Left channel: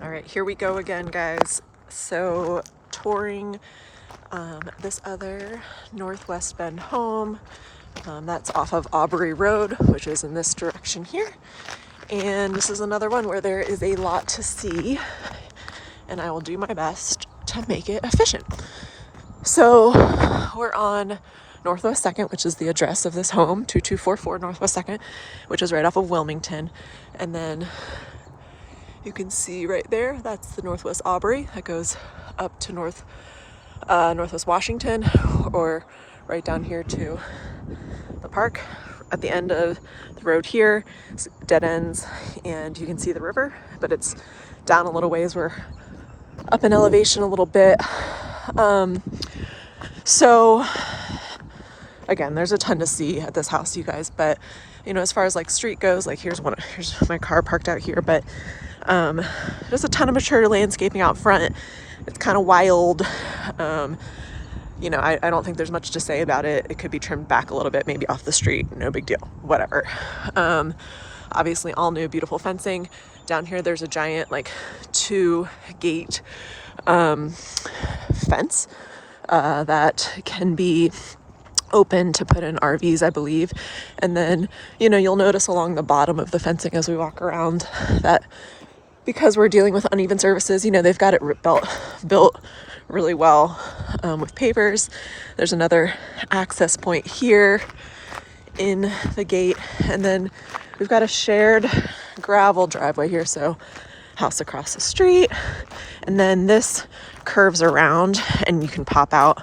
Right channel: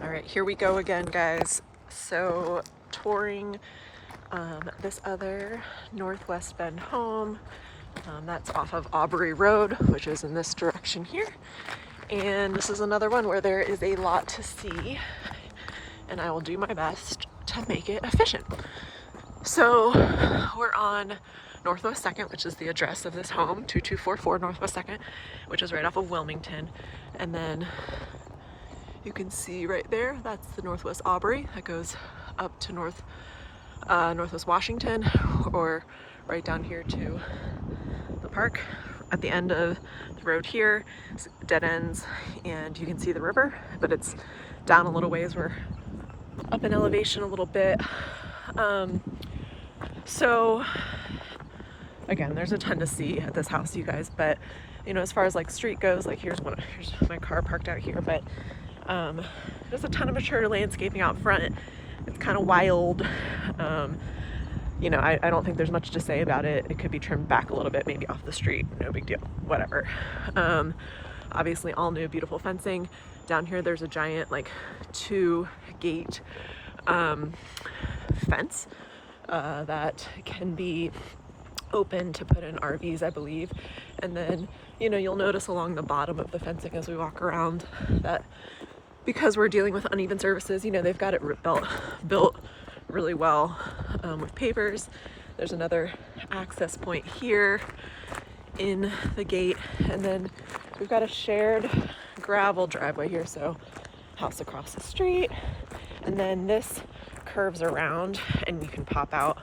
All right, here we go again, guys. So touring this other Northwest Bend home. That's off of Aubrey Road, which is in this direction here. And this is another one where there is a lot to see, and I will do my best to make it efficient. So we're on Northwest 2nd, which is the address of this home, 2244 Northwest 2nd, which is right off of Wilmington. And then you can see right there, that's the Northwest Aubrey that goes up to Northwest Washington, or right down here to the park. At the end of the road here, dead ends, and you can see the river, but it's down a little ways. We're up in elevation a little bit. So again, there's a ton to see at this house, you guys, but you know, as far as like street goes, like here's my car parked out here, but there's a ton of mature landscaping out front. It's kind of wild. You know, I don't think there's much to say about it. It could be trimmed back a little bit, maybe off the street, no big deal, whatever. Obviously all new, beautiful fencing. Down here, there's a giant like 2-gate fence that can be open to put in RVs, I believe. And then, you know, you'll notice along the bottom of the fencing as we walk around that because we're dealing with uneven surfaces, you know, they've got it built really well with pavers. There's another access point here in the gate, and then we've got a shared gravel driveway here, so house across the street, and then this curves around and you can pop out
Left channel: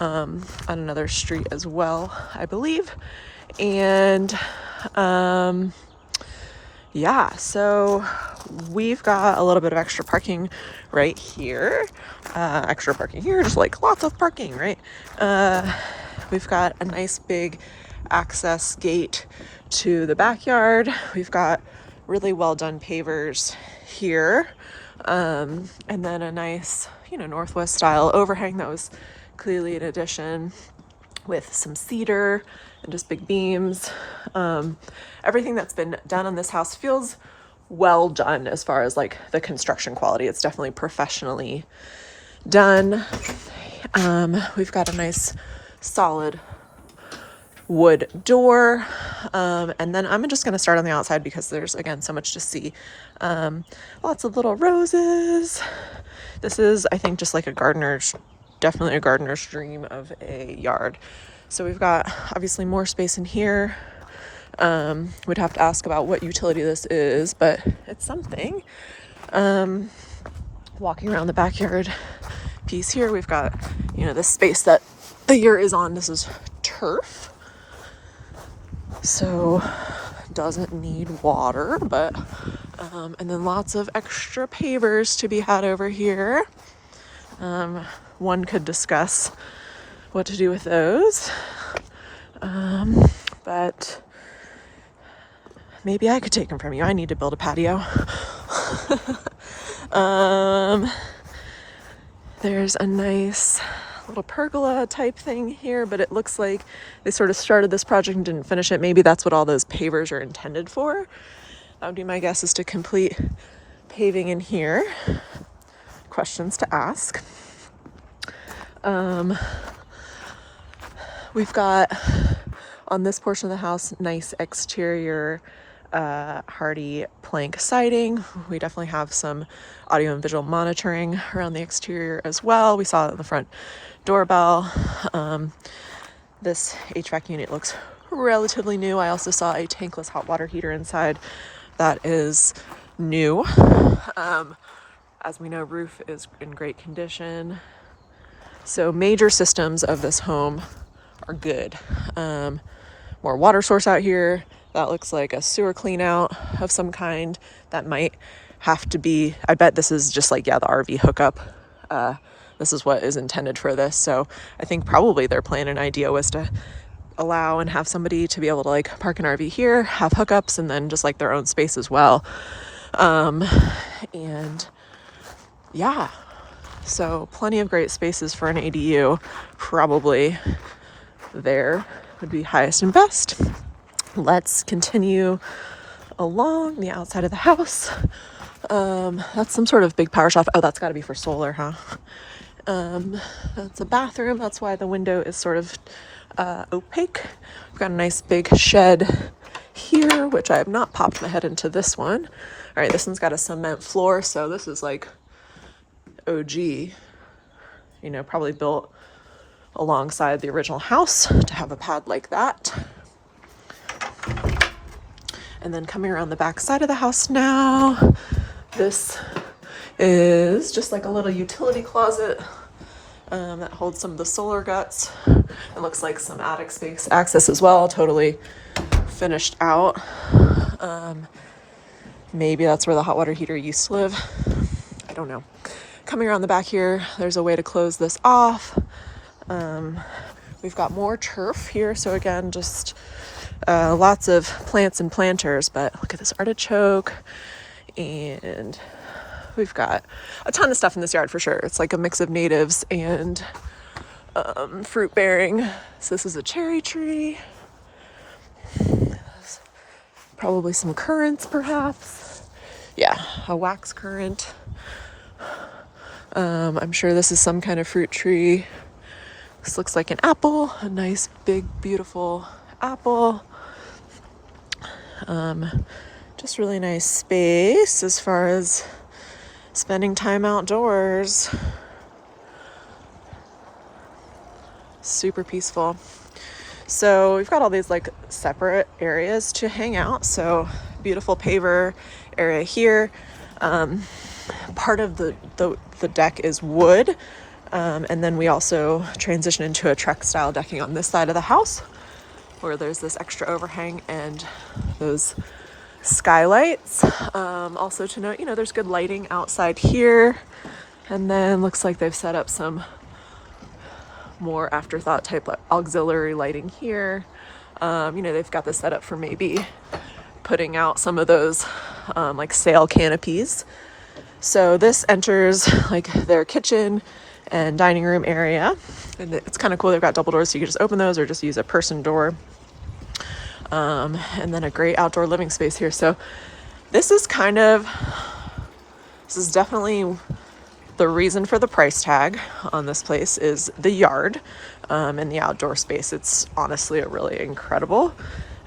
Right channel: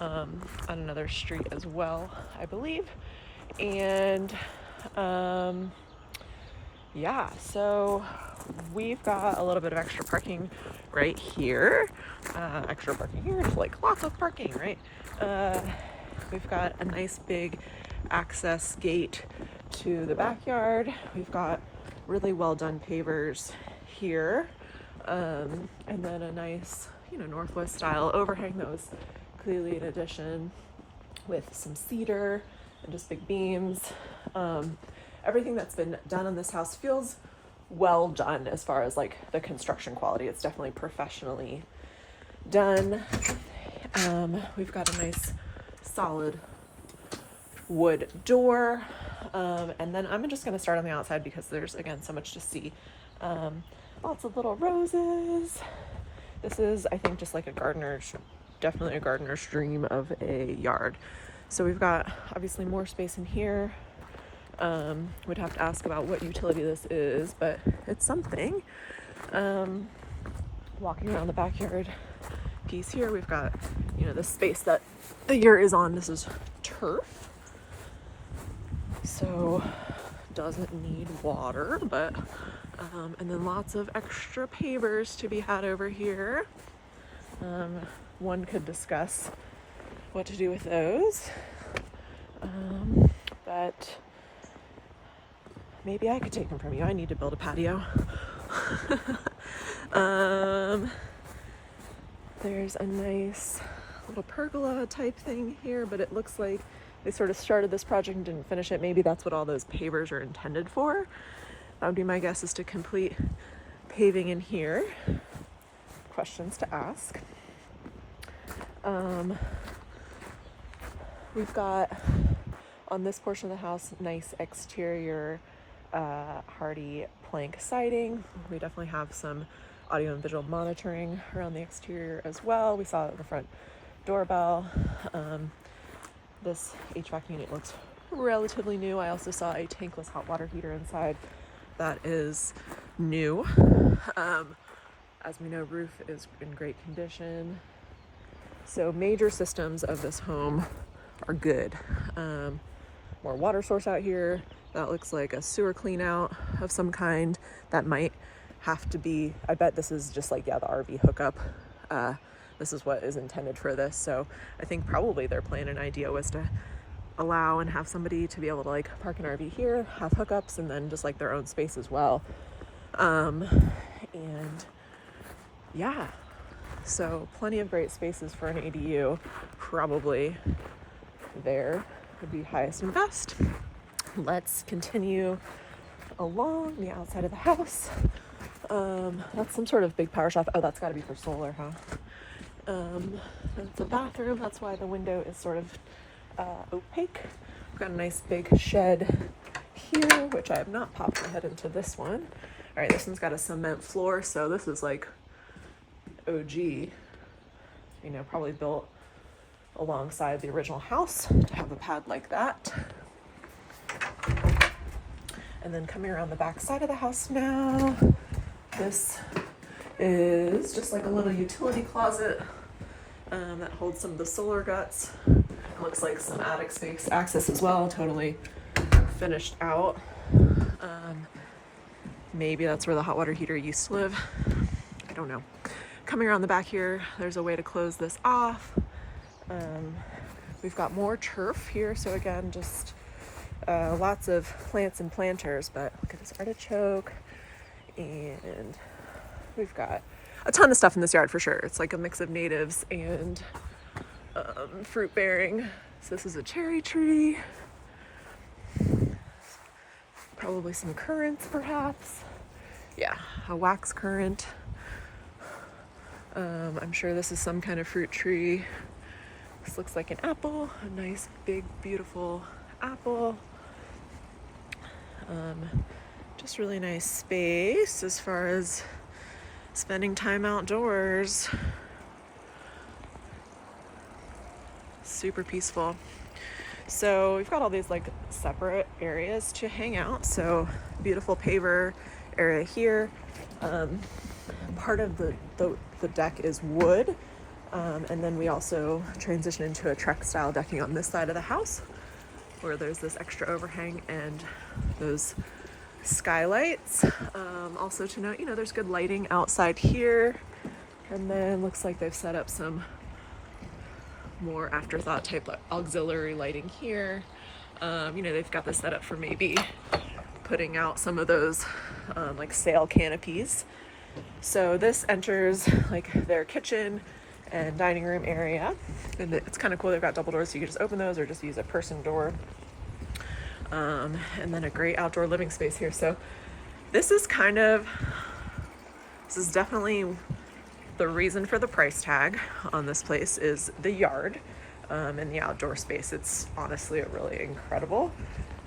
on another street as well, I believe. And yeah, so we've got a little bit of extra parking right here. Extra parking here, just like lots of parking, right? We've got a nice big access gate to the backyard. We've got really well done pavers here. And then a nice, you know, Northwest style overhang that was clearly an addition with some cedar and just big beams. Everything that's been done on this house feels well done as far as like the construction quality. It's definitely professionally done. We've got a nice solid wood door. And then I'm just going to start on the outside because there's, again, so much to see. Lots of little roses. This is, I think, just like definitely a gardener's dream of a yard. So we've got obviously more space in here. Would have to ask about what utility this is, but it's something. Walking around the backyard piece here, we've got, you know, this space that the yurt is on. This is turf, so doesn't need water, but and then lots of extra pavers to be had over here. One could discuss what to do with those, but maybe I could take them from you. I need to build a patio. There's a nice little pergola type thing here, but it looks like they sort of started this project and didn't finish it. Maybe that's what all those pavers are intended for. That would be my guess, is to complete paving in here. Questions to ask. We've got on this portion of the house nice exterior hardy plank siding. We definitely have some audio and visual monitoring around the exterior as well. We saw it in the front doorbell. This HVAC unit looks relatively new. I also saw a tankless hot water heater inside that is new. As we know, roof is in great condition. So major systems of this home are good. More water source out here. That looks like a sewer clean out of some kind. That might have to be, I bet this is just like, yeah, the RV hookup. This is what is intended for this. So I think probably their plan and idea was to allow and have somebody to be able to like park an RV here, have hookups, and then just like their own space as well. And yeah, so plenty of great spaces for an ADU. Probably there would be highest and best. Let's continue along the outside of the house. That's some sort of big power shelf. Oh, that's got to be for solar, huh? That's a bathroom. That's why the window is sort of opaque. We've got a nice big shed here, which I have not popped my head into this one. All right, this one's got a cement floor, so this is like OG, you know, probably built alongside the original house to have a pad like that. And then coming around the back side of the house now, this is just like a little utility closet that holds some of the solar guts. It looks like some attic space access as well, totally finished out. Maybe that's where the hot water heater used to live. I don't know. Coming around the back here, there's a way to close this off. We've got more turf here, so again, just lots of plants and planters, but look at this artichoke, and we've got a ton of stuff in this yard for sure. It's like a mix of natives and fruit bearing. So this is a cherry tree, probably some currants perhaps. Yeah, a wax currant. I'm sure this is some kind of fruit tree. This looks like an apple, a nice big beautiful apple. Just really nice space as far as spending time outdoors. Super peaceful. So we've got all these like separate areas to hang out. So beautiful paver area here. Part of the deck is wood. And then we also transition into a Trek style decking on this side of the house, where there's this extra overhang and those skylights. Also to note, you know, there's good lighting outside here. And then looks like they've set up some more afterthought type auxiliary lighting here. You know, they've got this set up for maybe putting out some of those like sail canopies. So this enters like their kitchen and dining room area, and it's kind of cool. They've got double doors, so you can just open those or just use a person door. And then a great outdoor living space here. So this is definitely the reason for the price tag on this place is the yard and the outdoor space. It's honestly a really incredible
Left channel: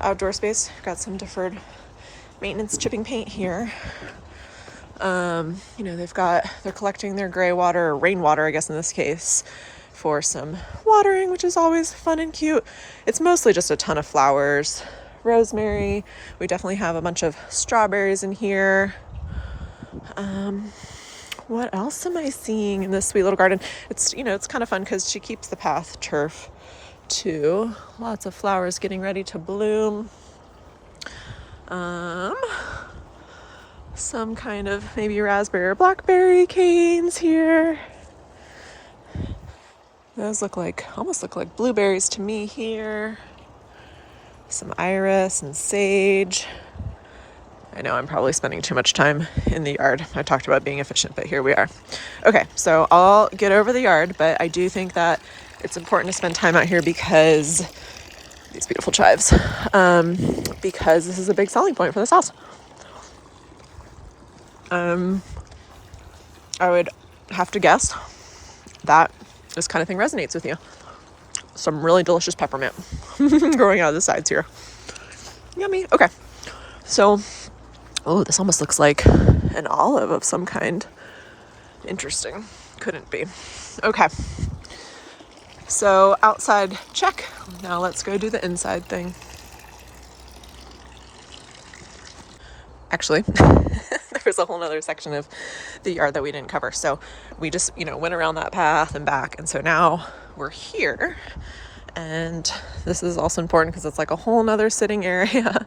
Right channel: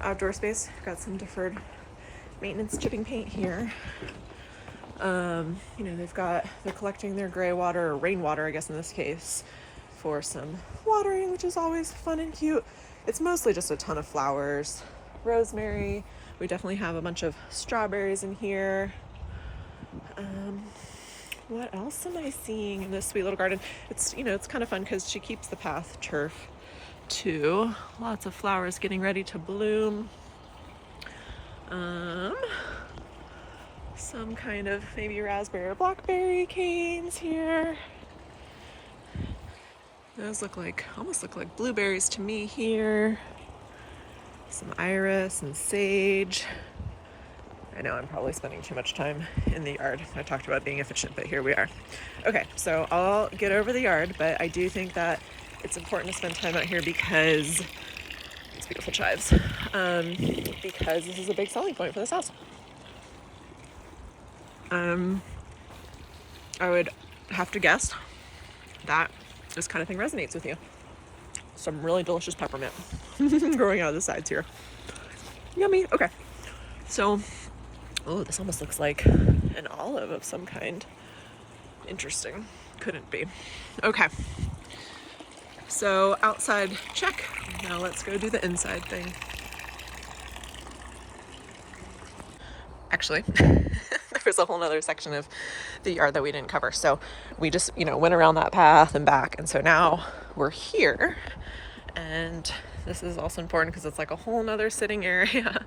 outdoor space. Got some deferred maintenance chipping paint here. You know, they're collecting their gray water, or rainwater, I guess in this case, for some watering, which is always fun and cute. It's mostly just a ton of flowers, rosemary. We definitely have a bunch of strawberries in here. What else am I seeing in this sweet little garden? It's, you know, it's kind of fun because she keeps the path turf too. Lots of flowers getting ready to bloom. Some kind of maybe raspberry or blackberry canes here. Those almost look like blueberries to me here. Some iris and sage. I know I'm probably spending too much time in the yard. I talked about being efficient, but here we are. Okay, so I'll get over the yard, but I do think that it's important to spend time out here because these beautiful chives, because this is a big selling point for this house. I would have to guess that this kind of thing resonates with you. Some really delicious peppermint growing out of the sides here. Yummy. Okay. So, oh, this almost looks like an olive of some kind. Interesting. Couldn't be. Okay. So outside check. Now let's go do the inside thing. Actually, there was a whole nother section of the yard that we didn't cover. So we just, you know, went around that path and back. And so now we're here. And this is also important because it's like a whole nother sitting area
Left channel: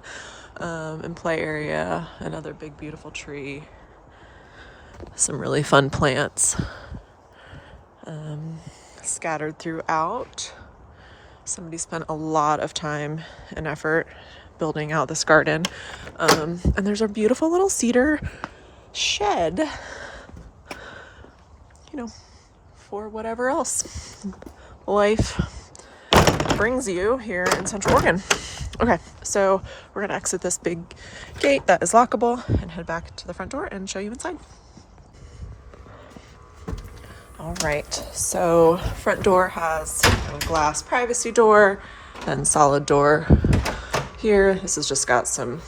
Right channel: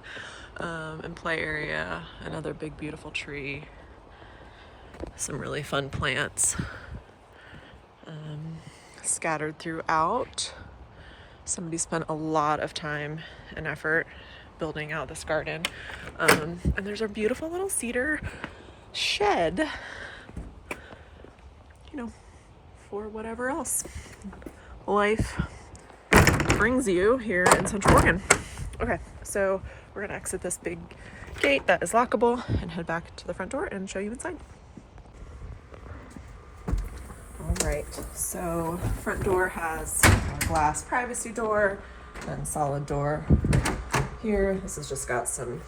and play area. Another big, beautiful tree. Some really fun plants scattered throughout. Somebody spent a lot of time and effort building out this garden. And there's a beautiful little cedar shed, you know, for whatever else life brings you here in Central Oregon. Okay, so we're gonna exit this big gate that is lockable and head back to the front door and show you inside. All right, so front door has a glass privacy door and solid door here. This has just got some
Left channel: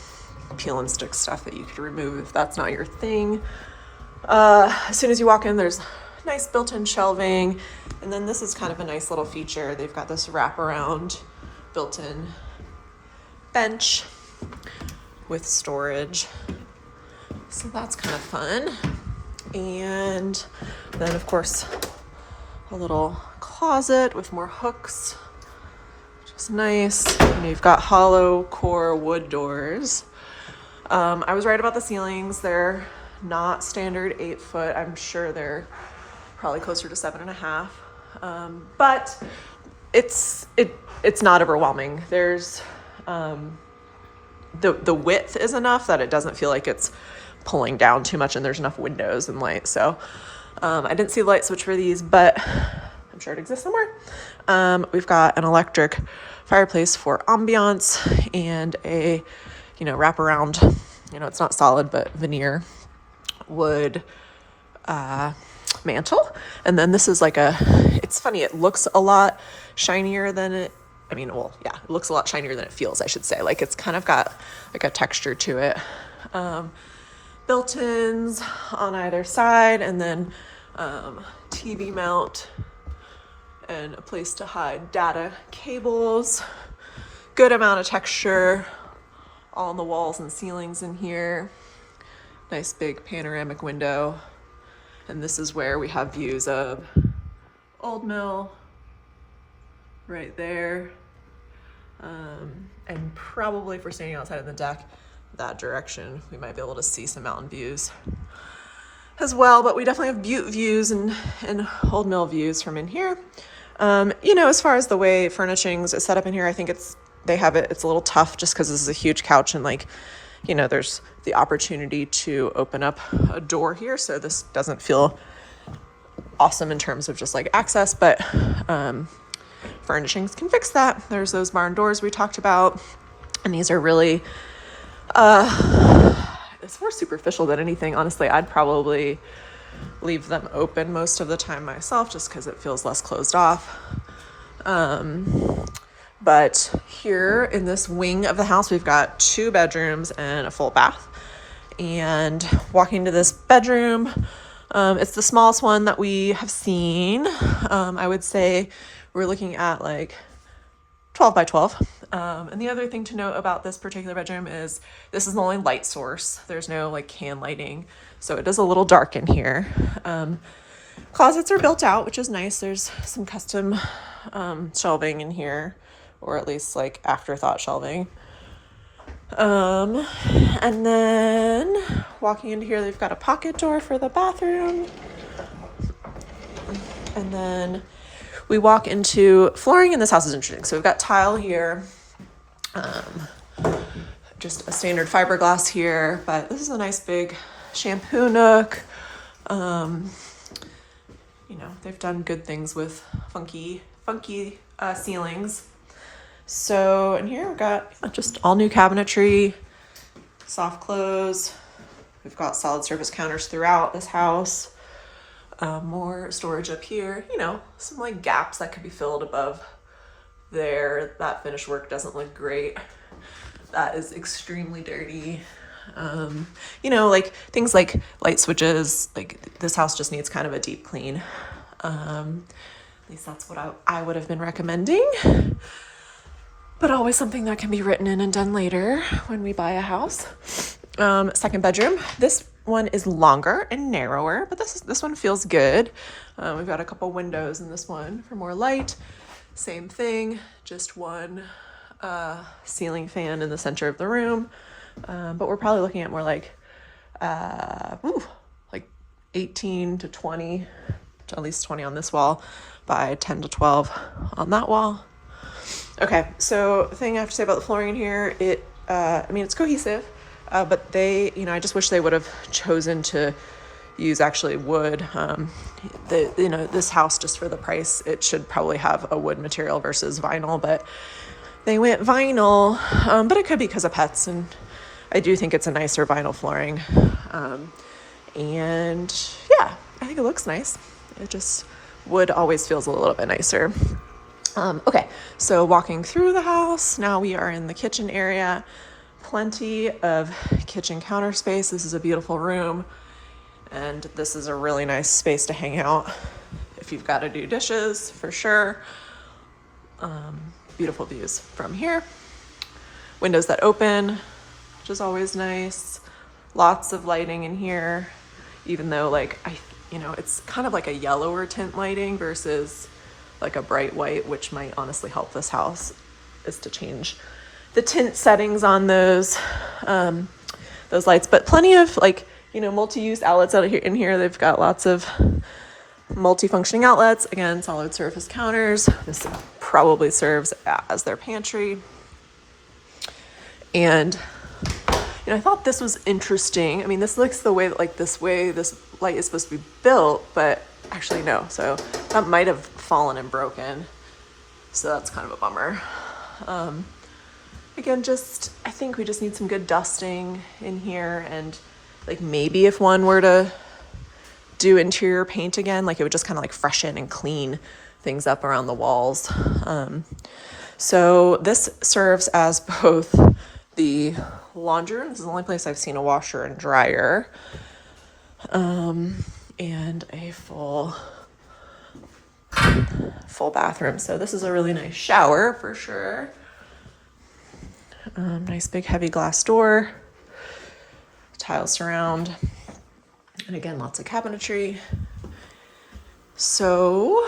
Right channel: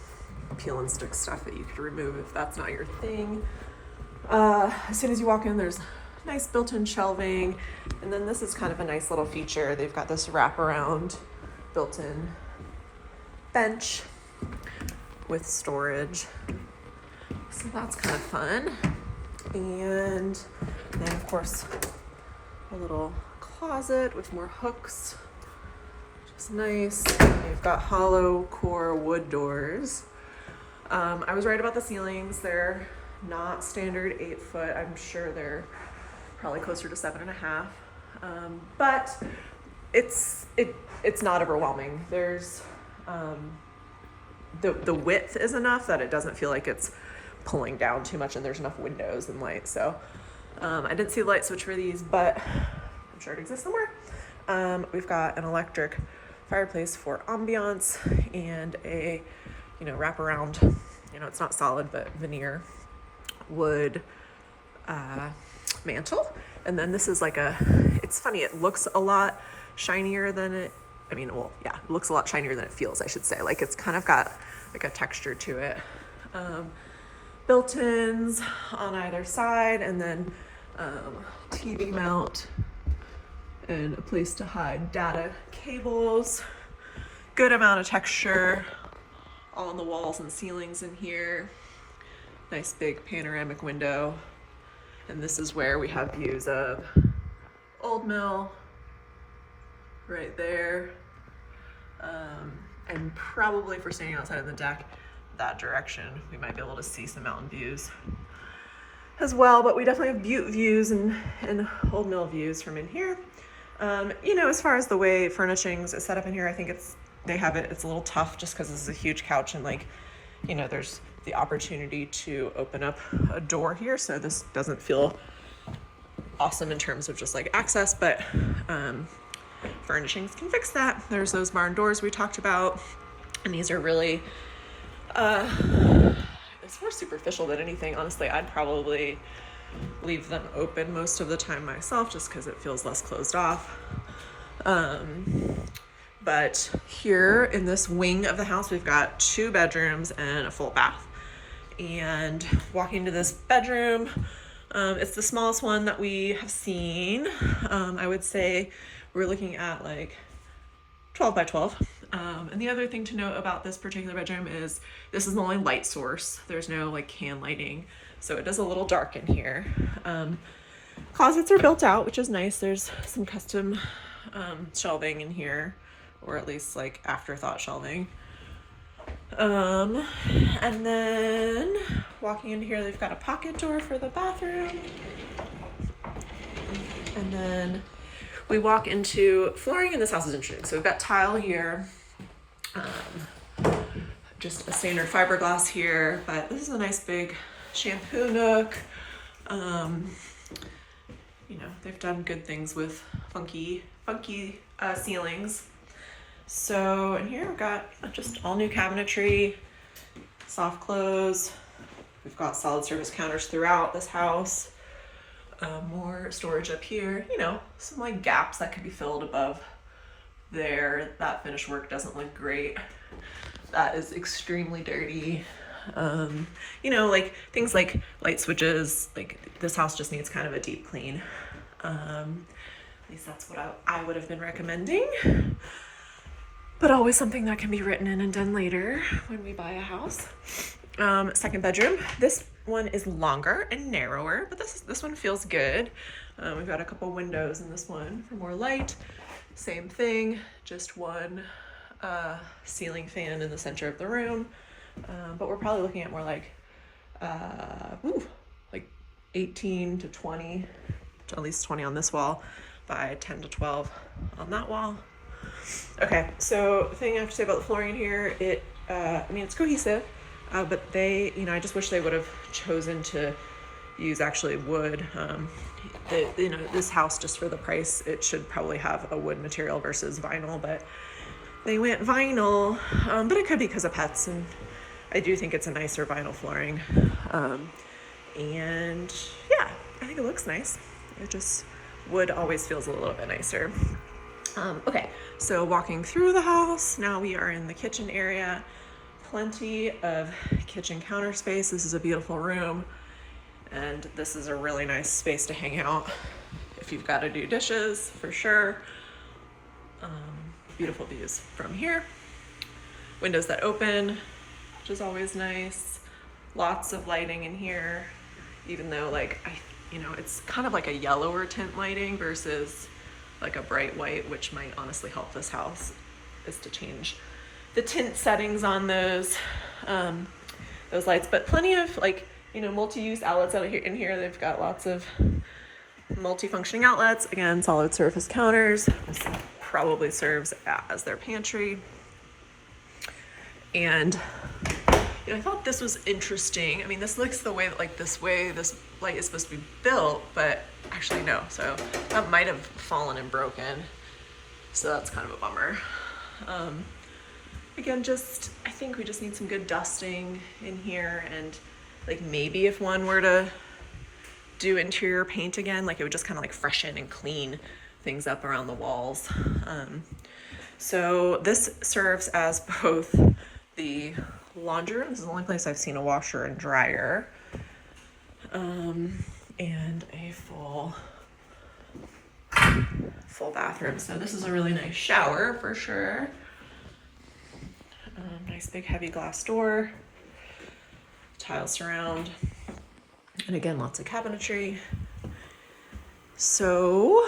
peel and stick stuff that you could remove if that's not your thing. As soon as you walk in, there's nice built-in shelving, and then this is kind of a nice little feature. They've got this wraparound built-in bench with storage, so that's kind of fun. And then of course a little closet with more hooks, which is nice. And you've got hollow core wood doors. I was right about the ceilings. They're not standard 8 foot. I'm sure they're probably closer to 7.5. But it's not overwhelming. There's the width is enough that it doesn't feel like it's pulling down too much, and there's enough windows and light. So I didn't see the light switch for these, but I'm sure it exists somewhere. We've got an electric fireplace for ambiance and a, wraparound, it's not solid, but veneer wood mantle. And then this is it's funny, it looks a lot shinier than it looks a lot shinier than it feels, I should say. Like, it's kind of got like a texture to it. Built-ins on either side, and then TV mount and a place to hide data cables. Good amount of texture on the walls and ceilings in here. Nice big panoramic window. And this is where we have views of Old Mill right there. And probably if we're standing outside of the deck, that direction, we might be able to see some mountain views as well. But we definitely have Butte views and Old Mill views from in here. As far as the way furnishings is set up in here, I think it's a little tough just because this is a huge couch, and there's the opportunity to open up a door here, so this doesn't feel awesome in terms of just access, but furnishings can fix that. There's those barn doors we talked about, and these are really it's more superficial than anything. Honestly, I'd probably leave them open most of the time myself, just because it feels less closed off. But here in this wing of the house, we've got 2 bedrooms and a full bath. And walking to this bedroom, it's the smallest one that we have seen. I would say we're looking at 12 by 12. And the other thing to note about this particular bedroom is this is the only light source. There's no can lighting, so it is a little dark in here. Closets are built out, which is nice. There's some custom shelving in here, or at least afterthought shelving. And then walking into here, they've got a pocket door for the bathroom. And then we walk into flooring, and this house is interesting. So we've got tile here, just a standard fiberglass here, but this is a nice big shampoo nook. They've done good things with funky ceilings. So in here we've got just all new cabinetry, soft close. We've got solid surface counters throughout this house. More storage up here, some gaps that could be filled above there. That finish work doesn't look great. That is extremely dirty. Things like light switches, this house just needs kind of a deep clean. At least that's what I would have been recommending. But always something that can be written in and done later when we buy a house. Second bedroom. This one is longer and narrower, but this one feels good. We've got a couple windows in this one for more light. Same thing, just one ceiling fan in the center of the room. But we're probably looking at more 18 to 20, to at least 20 on this wall by 10 to 12 on that wall. Okay, so the thing I have to say about the flooring in here, it's cohesive, but I just wish they would have chosen to use actually wood. This house, just for the price, it should probably have a wood material versus vinyl, but they went vinyl, but it could be because of pets, and I do think it's a nicer vinyl flooring. And yeah, I think it looks nice. It just, wood always feels a little bit nicer. Okay, so walking through the house, now we are in the kitchen area. Plenty of kitchen counter space. This is a beautiful room, and this is a really nice space to hang out if you've got to do dishes, for sure. Beautiful views from here. Windows that open, which is always nice. Lots of lighting in here, even though like it's kind of like a yellower tint lighting versus like a bright white, which might honestly help this house, is to change the tint settings on those lights. But plenty of like, multi-use outlets out here in here. They've got lots of multi-functioning outlets. Again, solid surface counters. This probably serves as their pantry. And I thought this was interesting. I mean, this looks the way that like this light is supposed to be built, but actually no. So that might have fallen and broken. So that's kind of a bummer. Again, I think we just need some good dusting in here, and like maybe if one were to do interior paint again, like it would just kind of like freshen and clean things up around the walls. So this serves as both the laundry room. This is the only place I've seen a washer and dryer, and a full bathroom. So this is a really nice shower for sure. Nice big heavy glass door, tile surround, and again, lots of cabinetry. So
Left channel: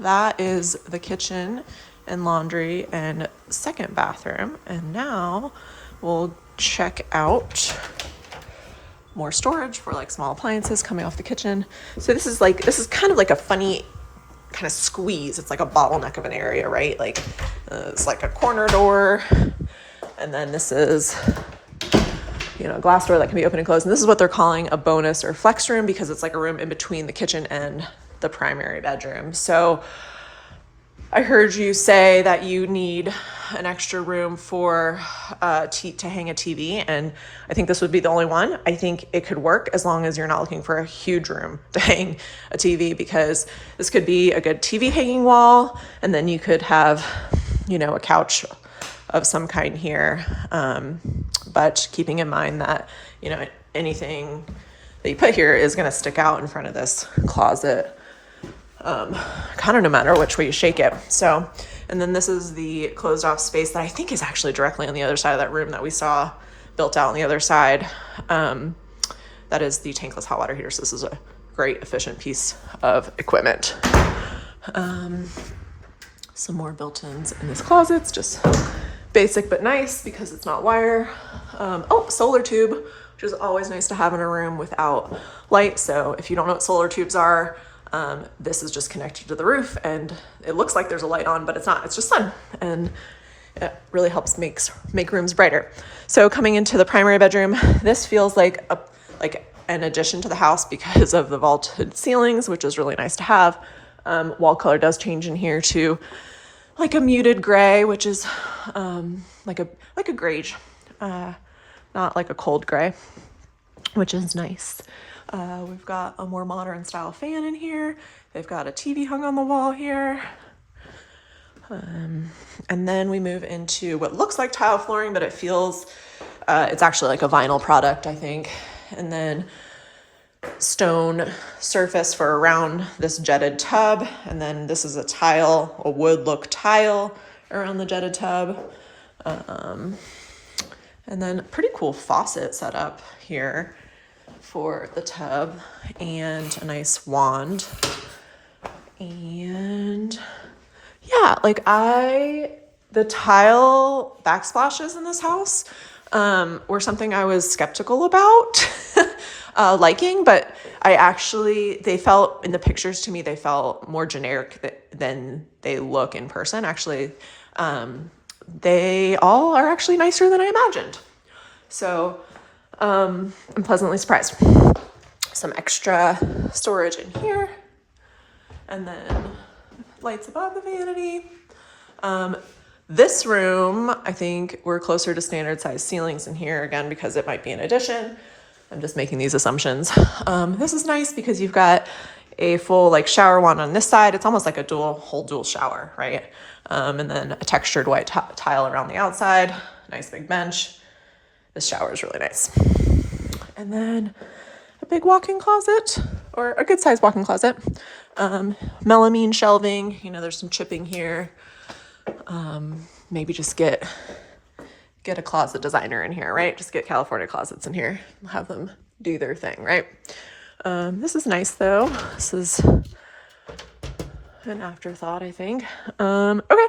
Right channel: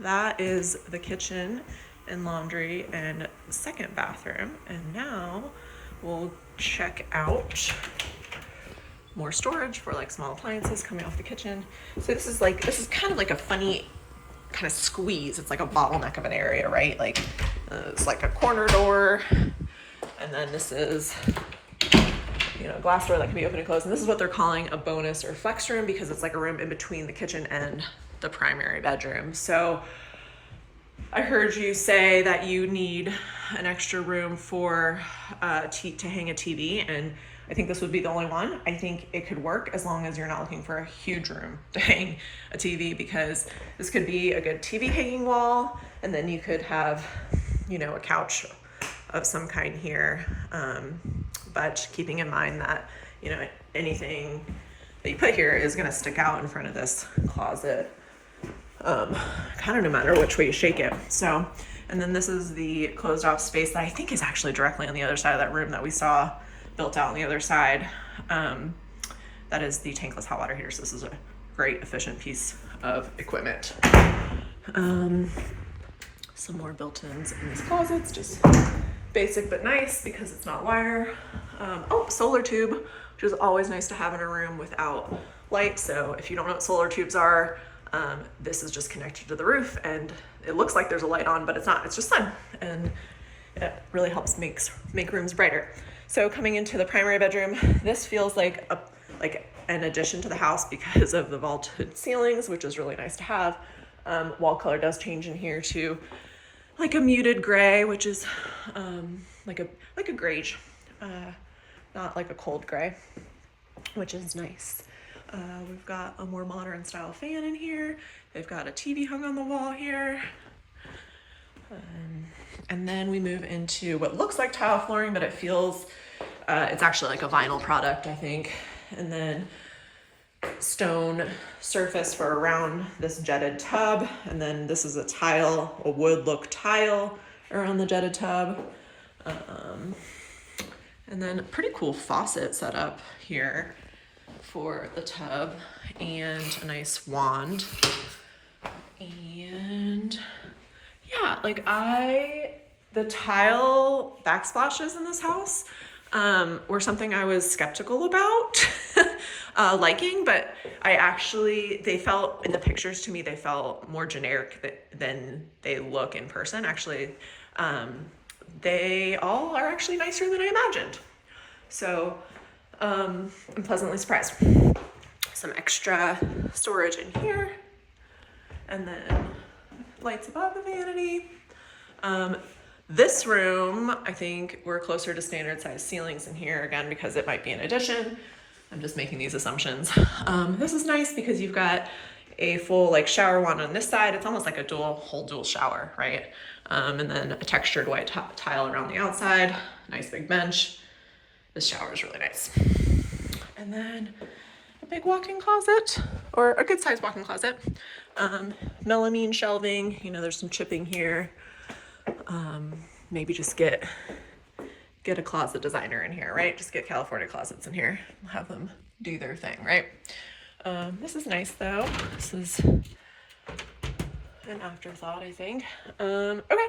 that is the kitchen and laundry and second bathroom. And now we'll check out more storage for like small appliances coming off the kitchen. So this is kind of like a funny kind of squeeze. It's like a bottleneck of an area, right? Like it's like a corner door, and then this is a glass door that can be open and closed. And this is what they're calling a bonus or flex room, because it's like a room in between the kitchen and the primary bedroom. So I heard you say that you need an extra room for to hang a TV, and I think this would be the only one. I think it could work as long as you're not looking for a huge room to hang a TV, because this could be a good TV hanging wall, and then you could have, a couch of some kind here. But keeping in mind that, anything that you put here is going to stick out in front of this closet, kind of no matter which way you shake it. So, and then this is the closed off space that I think is actually directly on the other side of that room that we saw built out on the other side. That is the tankless hot water heater. So this is a great efficient piece of equipment. Some more built-ins in these closets, just basic but nice because it's not wire. Solar tube, which is always nice to have in a room without light. So if you don't know what solar tubes are, this is just connected to the roof, and it looks like there's a light on, but it's not. It's just sun, and it really helps make rooms brighter. So coming into the primary bedroom, this feels like an addition to the house because of the vaulted ceilings, which is really nice to have. Wall color does change in here to like a muted gray, which is like a grayish, not like a cold gray, which is nice. We've got a more modern style fan in here. They've got a TV hung on the wall here. And then we move into what looks like tile flooring, but it feels, it's actually like a vinyl product, I think. And then stone surface for around this jetted tub. And then this is a wood look tile around the jetted tub. And then pretty cool faucet set up here for the tub, and a nice wand. And yeah, the tile backsplashes in this house were something I was skeptical about liking, but they felt, in the pictures to me, they felt more generic than they look in person. Actually, they all are actually nicer than I imagined. So I'm pleasantly surprised. Some extra storage in here, and then lights above the vanity. This room, I think we're closer to standard size ceilings in here, again, because it might be an addition. I'm just making these assumptions. This is nice because you've got a full like shower wand on this side. It's almost like a whole dual shower, right? And then a textured white tile around the outside, nice big bench. This shower is really nice. And then a big walk-in closet, or a good sized walk-in closet. Melamine shelving, you know, there's some chipping here. Maybe just get a closet designer in here, right? Just get California Closets in here, have them do their thing, right? This is nice though. This is an afterthought, I think. Okay,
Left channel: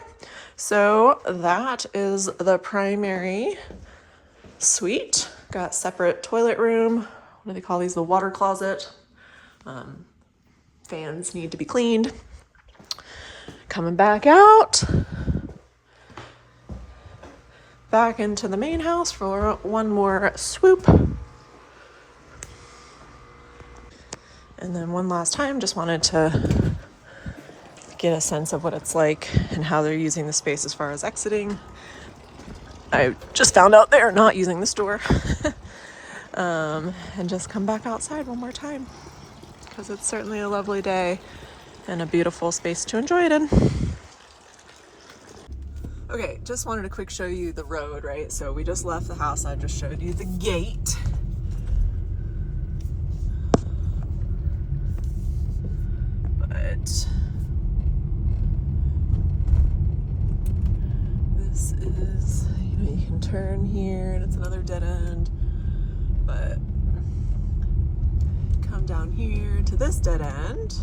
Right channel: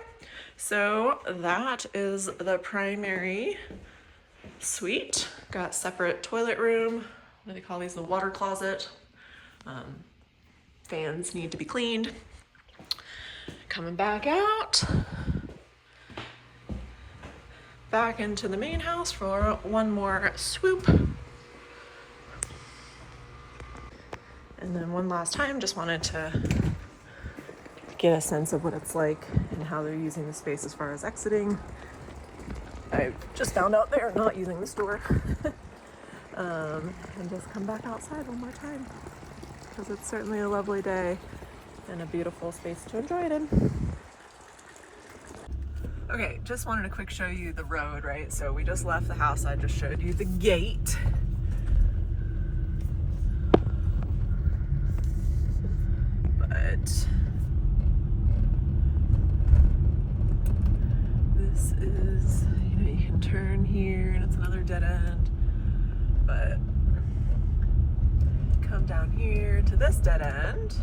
so that is the primary suite. Got separate toilet room. What do they call these? The water closet. Fans need to be cleaned. Coming back out. Back into the main house for one more swoop. And then one last time, just wanted to get a sense of what it's like and how they're using the space as far as exiting. I just found out they're not using this door. And just come back outside one more time because it's certainly a lovely day and a beautiful space to enjoy it in. Okay, just wanted to quick show you the road, right? So we just left the house. I just showed you the gate. But this is, you know, you can turn here and it's another dead end. But come down here to this dead end.